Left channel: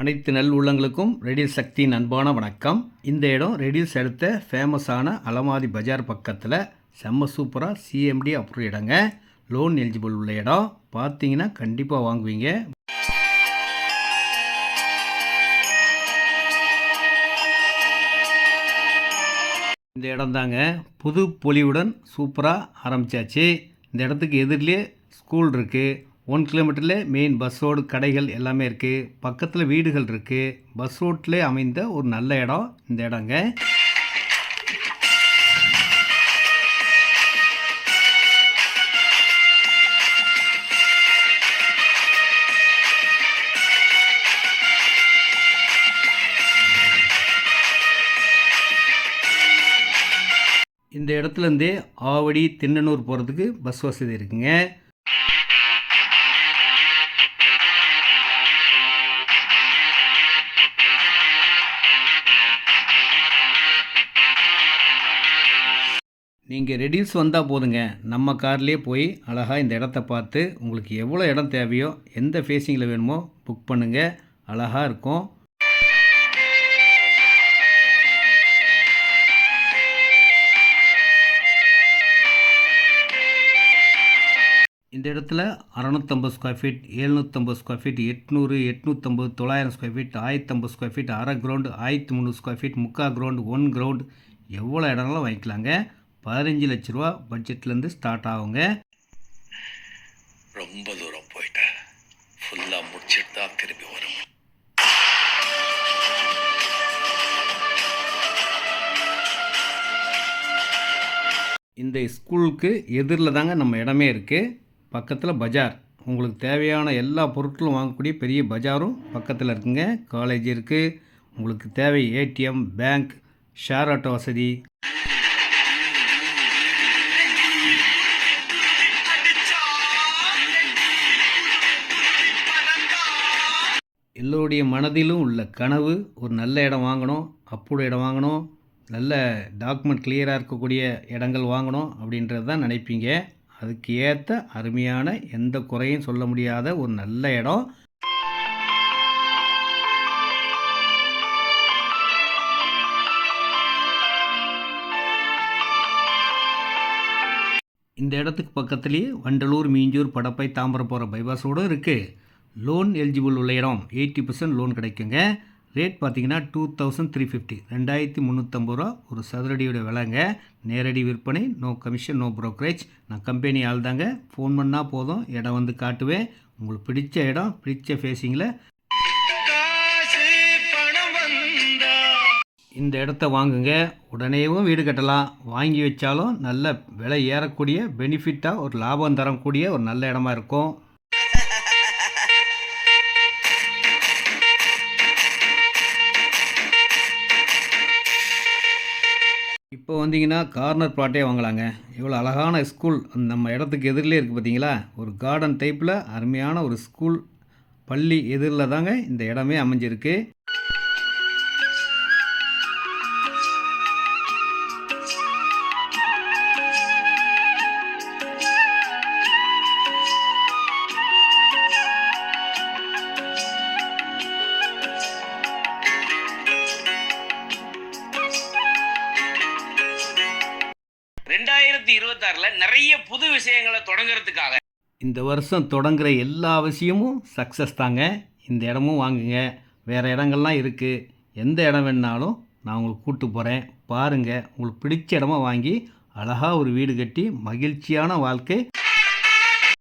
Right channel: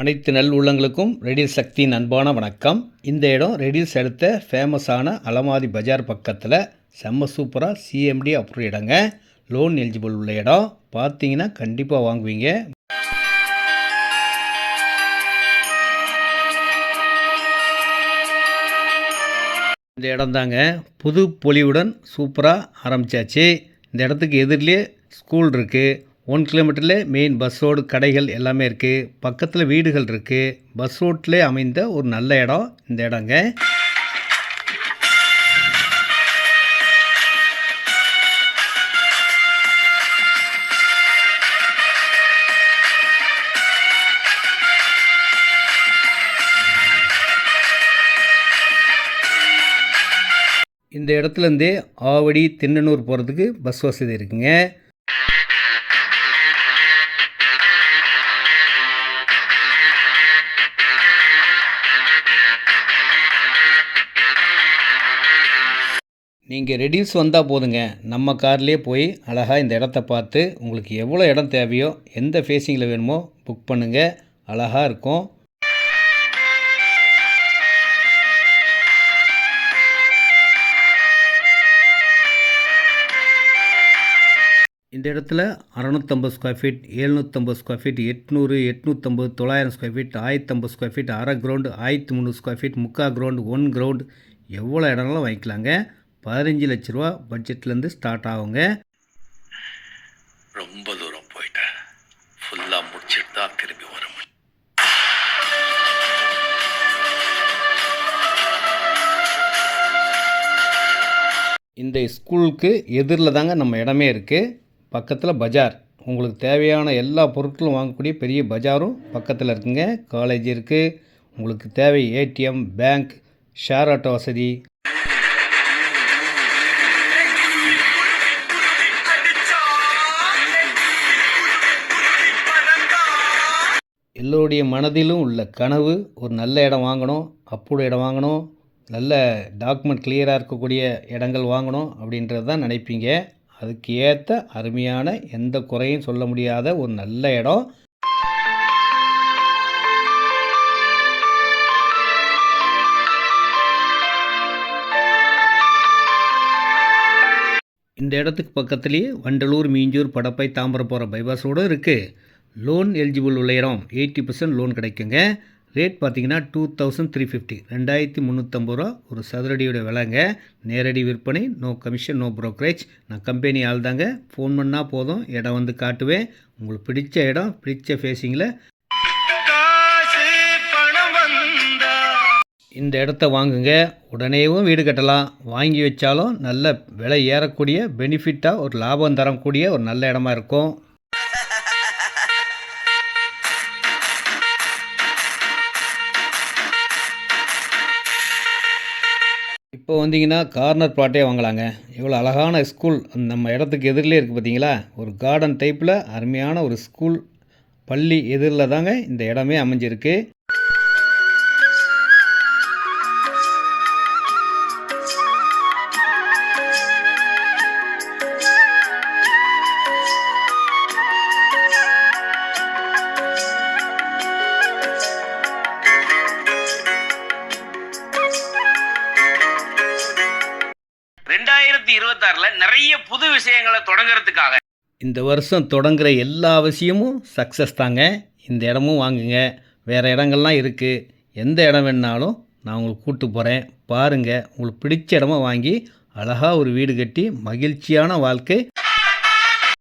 அனைத்து நல் உள்ளங்களுக்கும் ரெடில் சக்தியின் அன்பான வணக்கம். இந்த இடம் ரெடில்ஸ் அடுத்த ஃபேமஸான அலமாதி பஜார் பக்கத்தில் செம்ம சூப்பராக சிஎம்டி அப்ரூவ் இடங்க. லோன் எலிஜிபிள் உள்ள இடம். பார்த்தீங்கன்னா கண்டிப்பாக வாங்குவீங்க. இந்த இடம் தாங்க புது பொலிவுடன் சூப்பராக ஆரம்பித்தாச்சு. இந்த இடத்துக்கு எதிரிலே ஸ்கூல் இருக்குது. 1 கிலோமீட்டரில் மெயின் பஸ் ரோடு, கடைகள் எல்லாமே இருக்குது. பக்கத்தில் வீடுகள் இருக்குது. பஸ் ரோட்லேயே அமைந்த ஒரு நல்ல இடம் இந்த இடங்க. இந்த இடத்துலேருந்தே ஆவடி, திண்ணனூர் போகிறதுக்கு பஸ் வசதி இருக்குங்க. நீங்கள் ரெடில்ஸ் வந்தால் போதுங்க, நம்ம கார்லேயே போய் அழகாக இந்த இடத்த பார்த்து உங்களுக்கு எவ்வளோ இடம் தேவையோ எந்த ஃபேஸிங்கில் வேணுமோ புக் பண்ணுங்கள். அழகாக இருக்கும். இந்த இடத்துல 650 square feet, 750 square feet, 800, 850, 900 square feet, 1050 square feet, அரை கிரவுண்டு, 1300 ஸ்கொயர் ஃபீட், முக்கால் கிரவுண்டு, 1 கிரவுண்டு, எவ்வளோ இடம்லாம் வாங்கிக்கலாங்க. 15 லட்ச ரூபா பட்ஜெட்லேருந்து ஸ்டார்ட் ஆகுங்க. ரொம்ப தூரம் போயிட்டேன். ஃபுல்லாக முடிச்சுட்டு தான் திரும்பி வர முடியும். இந்த ஸ்கூலுக்கு எதிரில் தாங்க நம்ம இடமே இருக்குது. பக்கத்தில் பஜார். உங்களுக்கு தேவையான எல்லா பொருட்களும் வாங்கக்கூடிய பெரிய பஜாரும் பக்கத்தில் இருக்குங்க. காலேஜ் இருக்குது. உங்களுக்கு தேவை ஏடிஎம், பேங்க், ஷேர் ஆட்டோ வசதி. எல்லோருடைய மனதிலும் உள்ள கனவு ஒரு நல்ல இடம் வாங்கணும், அப்புறம் இடம் வாங்கணும், நல்ல டாக்குமெண்ட் கிளியராக இருக்கக்கூடிய இடங்கள் வாங்கணும் அப்படின்றது தான் நினைப்பீங்க. அதுக்கு ஏற்ற அருமையான எந்த குறையும் சொல்ல முடியாத ஒரு நல்ல இடம். இந்த இடத்துக்கு பக்கத்துலேயே வண்டலூர், மீஞ்சூர், படப்பை, தாம்பரம் போகிற பைபாஸோடு இருக்குது. லோன் எலிஜிபிள் உள்ள இடம். 80% லோன் கிடைக்குங்க. ரேட் பார்த்தீங்கன்னா 2350, 2350 ரூபா ஒரு சதுரடியோட விலைங்க. நேரடி விற்பனை, நோ கமிஷன், நோ ப்ரோக்கரேஜ். நான் கம்பெனி ஆள் தாங்க. ஃபோன் பண்ணால் போதும், இடம் வந்து காட்டுவேன். உங்களுக்கு பிடிச்ச இடம், பிடிச்ச ஃபேஸிங்கில் இந்த இடத்த வாங்குங்க. உடனேவும் வீடு கட்டலாம். வாங்கி வச்சாலும் நல்ல விலை ஏறக்கூடிய, பெனிஃபிட்டாக ஒரு லாபம் தரக்கூடிய ஒரு நல்ல இடமா இருக்கும். இப்போ வந்தீங்கன்னா கார்னர் பிளாட்டே வாங்கலாங்க. இவ்வளோ அழகான ஸ்கூல் நம்ம இடத்துக்கு எதிரிலே இருக்குது பார்த்தீங்களா. ஒரு கார்டன் டைப்பில் அருமையான ஒரு ஸ்கூல், பள்ளி எதிரில் தாங்க இந்த இடமே அமைஞ்சிருக்கு. நிறைய புது விஷயங்களை தொடங்குறதுக்காக இந்த வருஷம் தொடங்குற எல்லா விஷயமும் சக்ஸஸ் தாங்க. இந்த இடமும் வாங்குங்க. வேறு இடங்கள்லாம் இருக்குது. எந்த இடம் வேணுனாலும் நான் உங்களுக்கு கூப்பிட்டு போகிறேன். பாருங்கள். உங்களுக்கு பிடிச்ச இடமா வாங்கி அழகாக ஒரு வீடு கட்டி மகிழ்ச்சியான வாழ்க்கை